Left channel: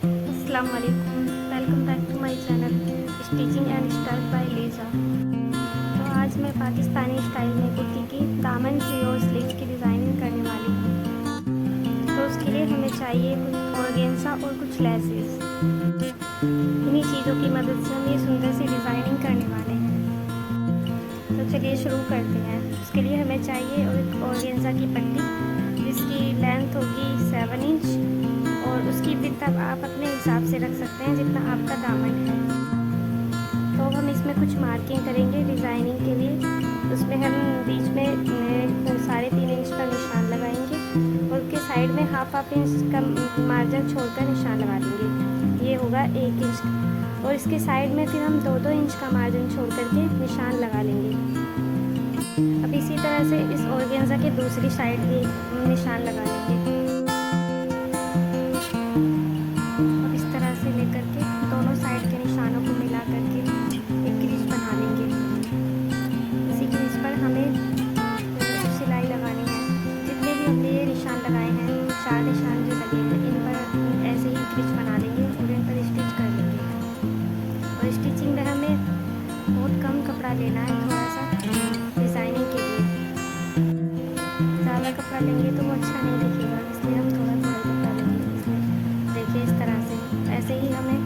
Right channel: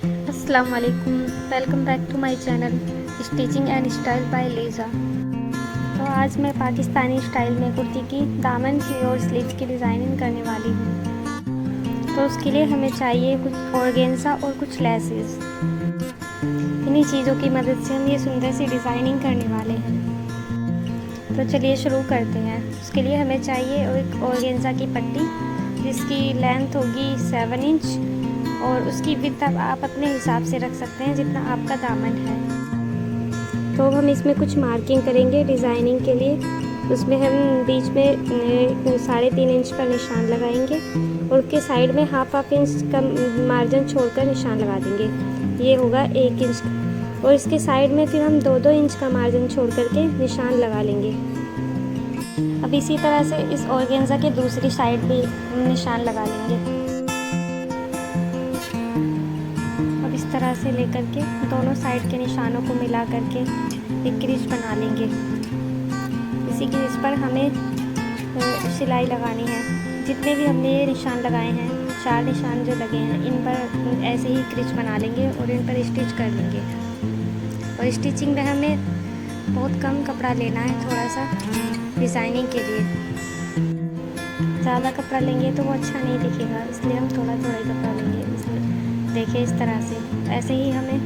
अस्सलाम वालेकुम, welcome back to my channel stitching and style by Liza. तो आज मैं पाकिस्तानी स्टाइल में कुर्ती की दामन की और स्लीव्स की डिज़ाइनिंग करने वाली हूँ। तो उसके लिए हमें चाहिए कुछ ऑर्गेन्जा और कुछ लेसेस। इन्हीं चीज़ों की मदद से हम ये सुंदर सी डिज़ाइनिंग करने वाले हैं। तो चलिए शुरू करते हैं। उसके लिए हमें चाहिए एक ऑर्गेन्जा की पट्टी जिसकी लेंथ होगी 7 इंच और उसकी विड्थ आप अपने हिसाब से रख सकते हैं जितना आपका दामन है। तो अब हम इसमें कुछ मार्किंग करेंगे डिज़ाइनिंग के लिए। उसमें हम बीच में 3.5 इंच का निशान लगाएंगे और उसके साइड में हाफ इंच का मार्जिन छोड़कर निशान लगा देंगे। ये होगा 1 इंच और इसके साइड में फिर हम 2-2 इंच का मार्जिन छोड़ करके निशान लगा लेंगे। अब इसी तरह से इस ऑर्गेन्जा के दूसरी साइड भी निशान लगा लेंगे। अब इस तरह से लेकर के दोनों साइड के निशानों को मिला करके एक क्रीज बना लेंगे। इसी क्रीज पर हमें सिलाई लगानी है। जितने भी हमने ये निशान लगाए हैं, 4 निशान जो लगे हैं, इन पर ऐसे ही क्रीज बना लेंगे और इन पर स्टिच कर लेंगे। और स्टिचिंग में हमें बहुत कम कपड़ा लेना है, थोड़ा सा डिज़ाइनिंग के लिए। ज़्यादा कपड़ा लेंगे तो वो अच्छा नहीं दिखेगा, इसलिए हम थोड़ा थोड़ा कपड़ा लेंगे। इसमें देखिए इस तरह से ऐसे ही हमें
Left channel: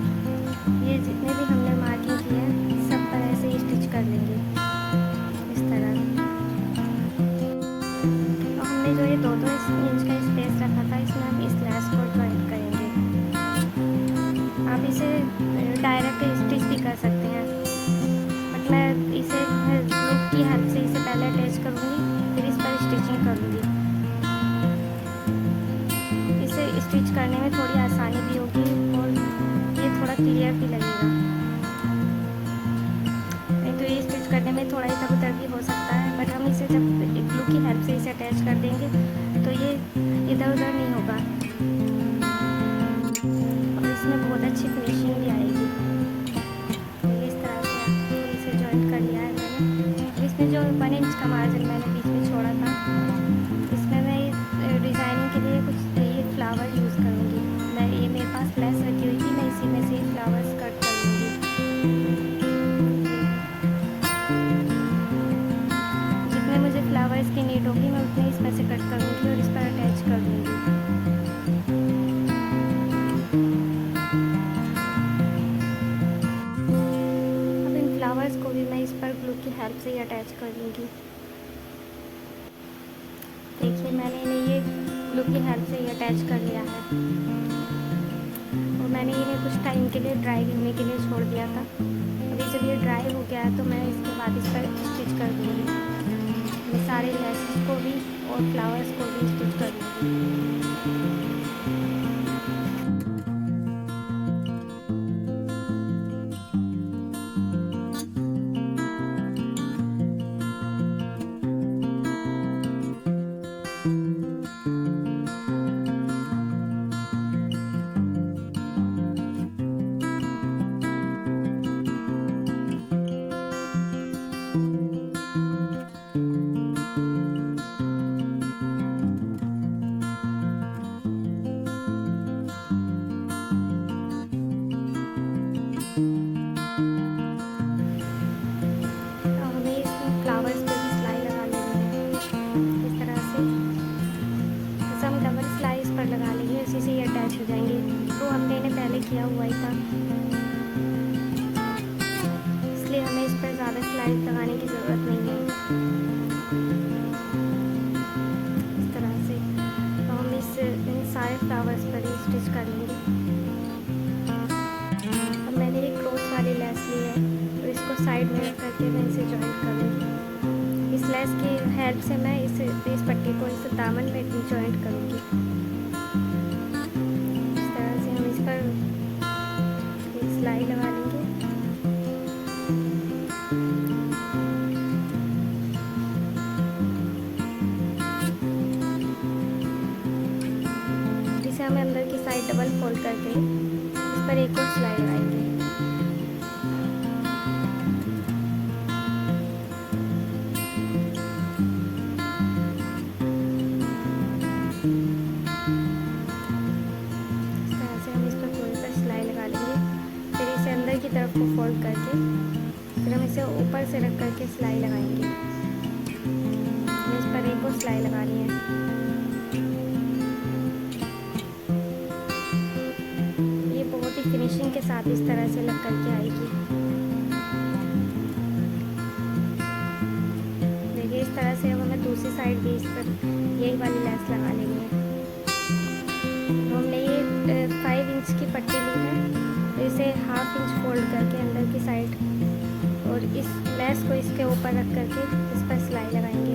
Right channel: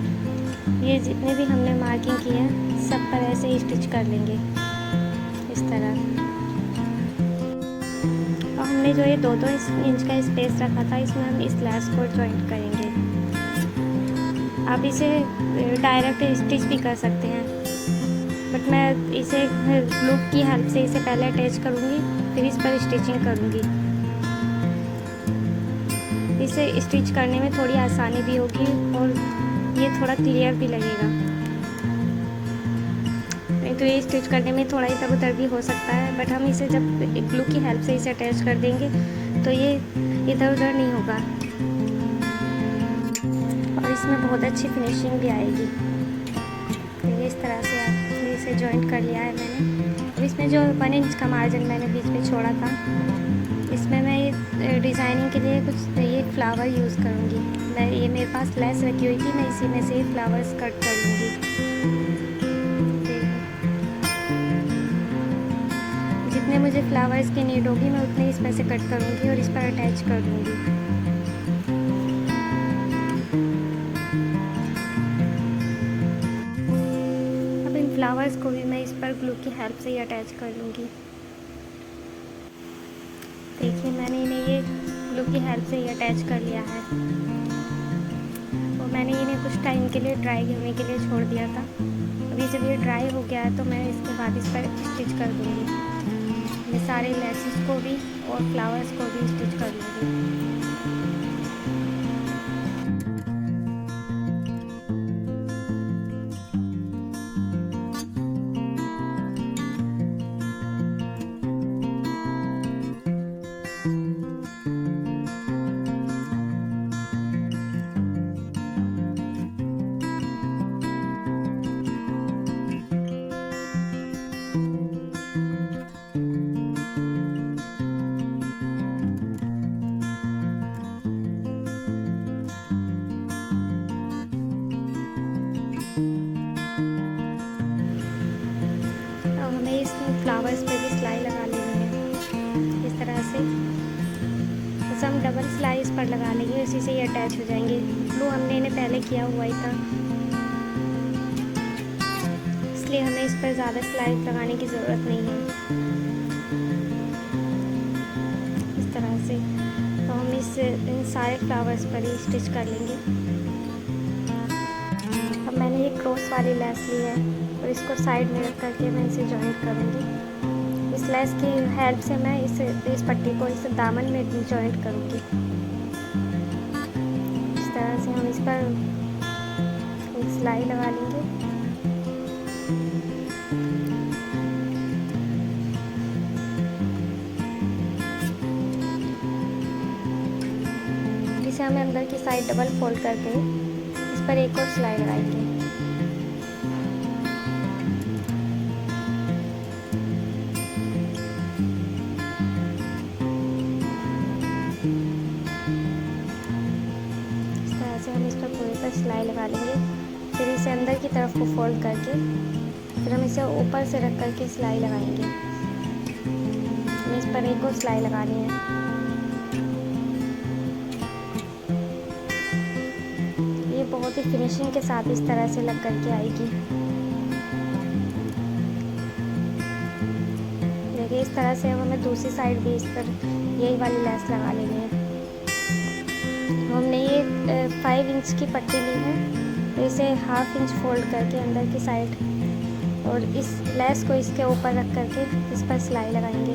ये जितने भी हमने मार्किंग की है सब पर ऐसे ही स्टिच कर लेंगे इस तरह। तो हमने जो ये 2-2 इंच का स्पेस रखा था, इसमें हम इस लैस को जॉइंट करेंगे। आप इसे डायरेक्ट स्टिच भी कर सकते हैं, बट मैं इसे लूप की हेल्प से इसे पहले अटैच करूँगी, फिर इस पर स्टिचिंग करूँगी। इसे स्टिच करने में थोड़ी आसानी भी होगी और ये थोड़ा क्लियर भी लगेगा। नहीं तो ये स्टिच करने में थोड़ा इधर उधर भी हो सकता है, बट हम इसे जब ग्लू की हेल्प से इसे अटैच कर देंगे तो ये इधर उधर नहीं होगा और इसमें बहुत अच्छी फिनिशिंग भी आएगी। इस तरह से इसे जॉइंट कर लिया है मैंने। इसमें जो 1 इंच का मार्जिन मैंने बीच में छोड़ा था, इसमें मैं डिज़ाइनिंग के लिए कुछ ये फ्लावर यूज़ करूँगी। मैं ये मेरे पास लेस रखी हुई थी, मैं इसी में से फ्लावर्स कट कर लूँगी। जितने मुझे फ्लावर्स की नीड होगी मैं उतने इसमें से कट करूँगी और इस पर अटैच कर दूँगी। अब इन फ्लावर्स को भी मैं इस पर ग्लू की हेल्प से ही अटैच कर लूँगी। देखिए मैंने इन्हें ये ग्लू की हेल्प से ही अटैच कर लिया है और मैंने इन्हें कुछ टाइम के लिए ड्राई करने के लिए छोड़ दिया था। अभी जब ये ड्राई हो गया है तो मैं इसके बाद इस पर स्टिच कर दूँगी। मैं सारे लेसेस को भी और फ्लावर्स को भी स्टिच कर दूँगी। फ्लावर्स पे भी सिलाई लगा लेंगे इस तरह से। जैसे हम डबल सिलाई इस पर लगा लेंगे, इसी से ये अटैच हो जाएंगे। तो हमने इन्हें पहले किया हुआ ही था, इसलिए हमें इस पर ज़्यादा सिलाई लगाने की ज़रूरत नहीं है। इस तरह से तो हम इन सारे फ्लावर्स पर ही स्टिच कर लेंगे। अब मैंने एक क्रॉस वाली लेस ली है तो इसको साइड में रख करके मैं इसे जॉइंट करूँगी। इस लेस की हेल्प से मैं इस पट्टी को इस दामन में जॉइंट करूँगी। इस तरह से हम इस पर एक सिलाई लगा लेंगे। इसे हमें अंदर की साइड डबल फोल्ड करके इस पर एक और सिलाई लगाएंगे। इस तरह से हम इस पर पूरे पर की तरफ को फोल्ड करके फिर हम इसे ऊपर से रख करके सिलाई लगाएंगे। इस पर एक और सिलाई लगानी है। ये बहुत ही फिनिशिंग के साथ इस तरह से लग करके आएगी। देखिए इस तरह से अब हमें दूसरी साइड भी इस पर यही वाली लेस लगा लेंगे। तो हमने ये 5 इंच की पट्टी ली है, तो इसे हाफ इंच फोल्ड करके अंदर की साइड और इस लेस को इसके ऊपर रख करके इस पर सिलाई लगाएंगे।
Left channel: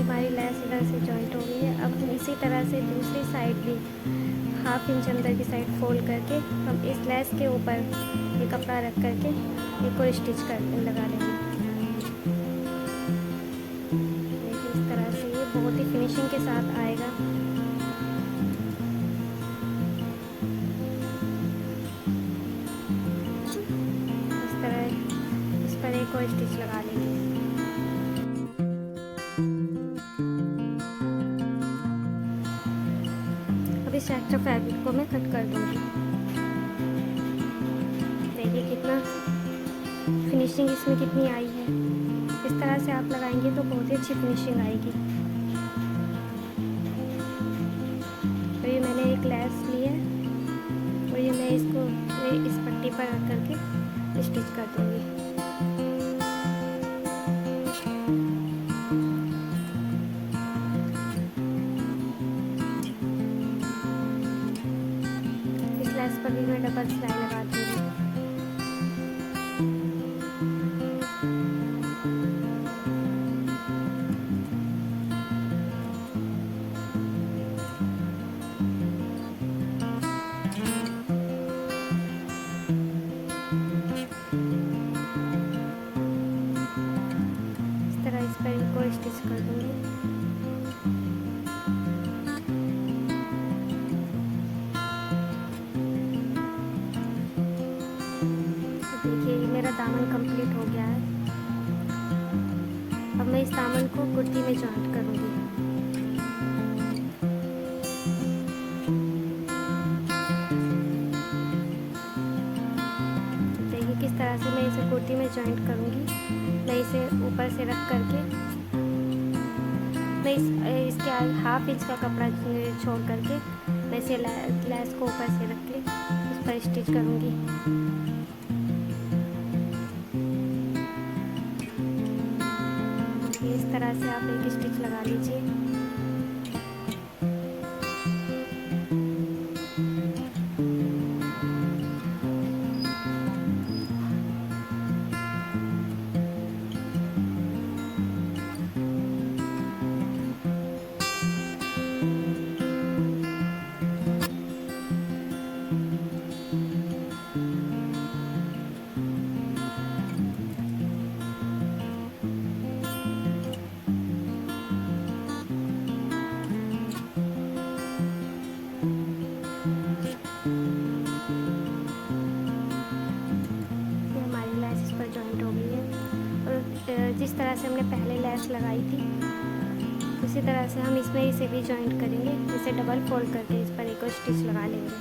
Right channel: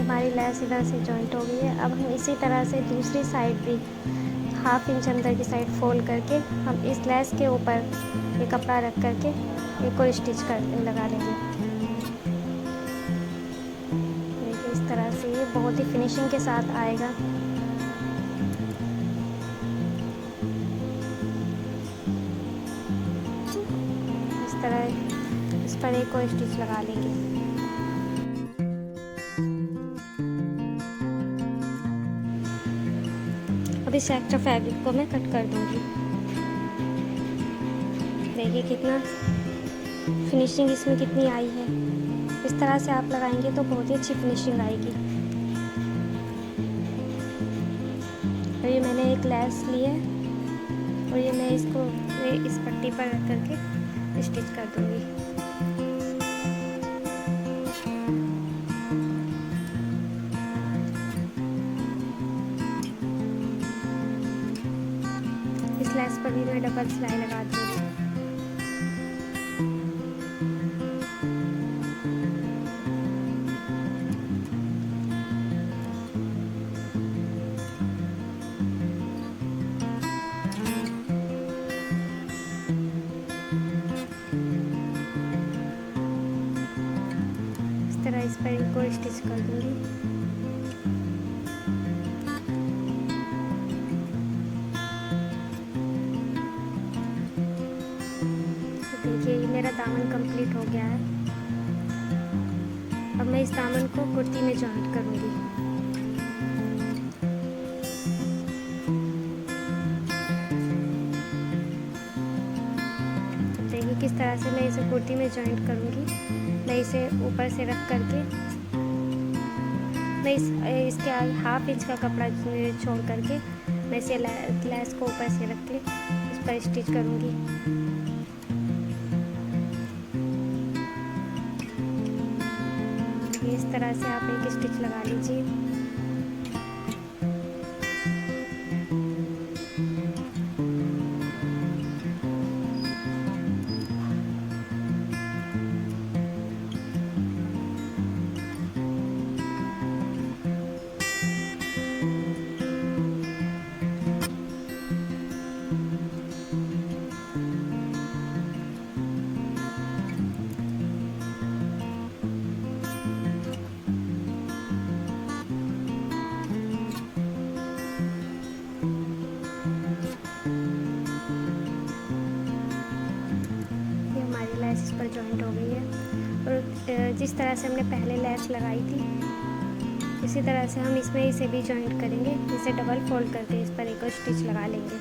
हमारी लेस इधर से जॉइंट हो गई है। अब हम इसी तरह से दूसरी साइड भी हाफ इंच अंदर की साइड फोल्ड करके हम इस लेस के ऊपर ये कपड़ा रख करके एक और स्टिच कर लगा लेंगे। देखिए इस तरह से ये बहुत ही फिनिशिंग के साथ आएगा। इस पर एक और स्टिच लगा लेंगे। अब इस एक्स्ट्रा फैब्रिक को मैं कट कर दूंगी। देखिए कितना फिनिशिंग इसमें कितनी आई है। इस तरह से आप लगाएंगे तो बहुत ही अच्छी फिनिशिंग आएगी। तो ये मैंने एक लेस ली है और ये मैं इसको इस पट्टी पर रख करके स्टिच कर दूंगी। लेस पर भी मैं डबल सिलाई लगा दूँगी। इस तरह इस पर एक और स्टिच कर दूँगी। देखिए मेरा दामन कंप्लीट हो गया है। अब मैं इस दामन को कुर्ती में जॉइंट करूँगी। देखिए किस तरह से मैं इसे कुर्ती में जॉइंट करूँगी। मैं इसे ऊपर से रख करके मैं इसके हाफ इंच का कपड़ा छोड़ करके मैं इसे लेस को ऊपर से रख के इस पर स्टिच करूँगी। इस तरह से आप एक स्टिच लगा लीजिए। जिस तरह से हमने पहले लेस लगाई थी उसी तरह से हम इसमें इसे भी जॉइंट करेंगे। इसे डबल फोल्ड करके इस पर एक और स्टिच लगा लेंगे।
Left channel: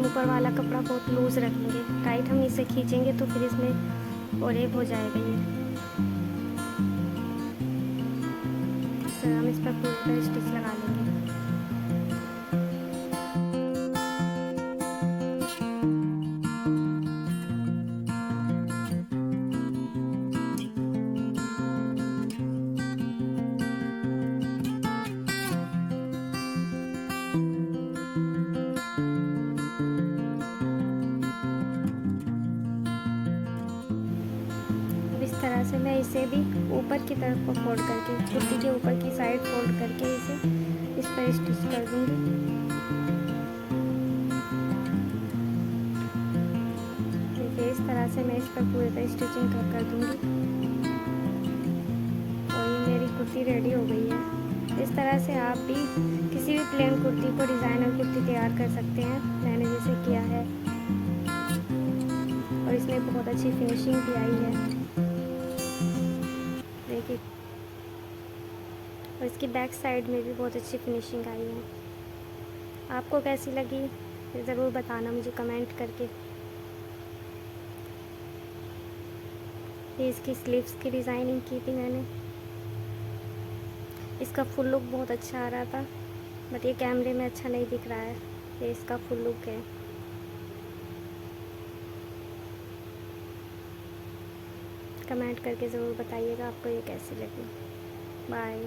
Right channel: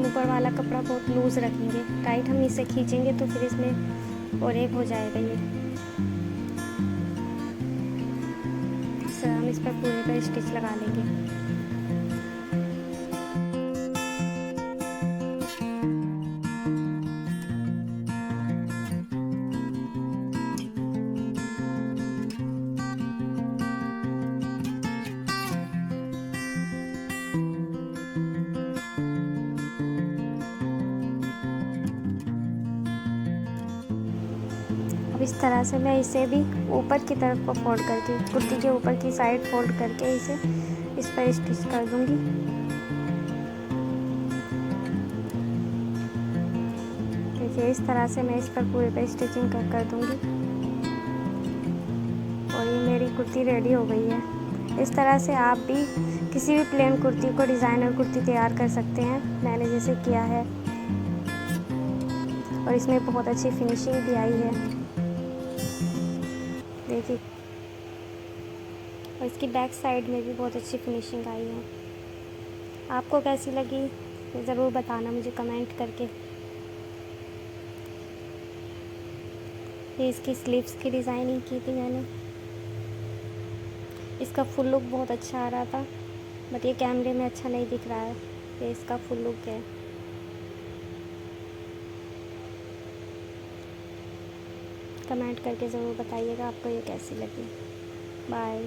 ऊपर वाला कपड़ा बहुत लूज रखेंगे, टाइट हम इसे खींचेंगे तो फिर इसमें ओरेब हो जाएगा ये। हम इस पर पूरा स्टिच लगा लेंगे। इस तरह से मैं इसे भी ऊपर की तरफ को फोल्ड करके कुर्ती के ऊपर की साइड फोल्ड करके इसे इस पर स्टिच कर दूंगी। देखिए इस तरह से मैं इस पर पूरे पर स्टिचिंग कर दूंगी और ये मेरी कुर्ती रेडी हो गई है। इस तरह से आप भी किसी भी प्लेन कुर्ती को डिज़ाइनर कुर्ती तैयार कर सकते हैं, मैंने जैसे किया है। और इसमें बहुत अच्छी फिनिशिंग भी आई है, देखिए। और इसकी बैक साइड में भी बहुत अच्छी फिनिशिंग आई है। आपको कैसी लगी ज़रूर बताना मुझे कमेंट करके। ये इसकी स्लीव्स की डिज़ाइनिंग की थी मैंने। इसका फुल लुक बहुत अच्छा आ रहा था, बट ये कैमरे में अच्छा नहीं दिख रहा है। ये इसका फुल लुक है। कमेंट करके ज़रूर बताइएगा आपको ये कैसी लगी। बाय।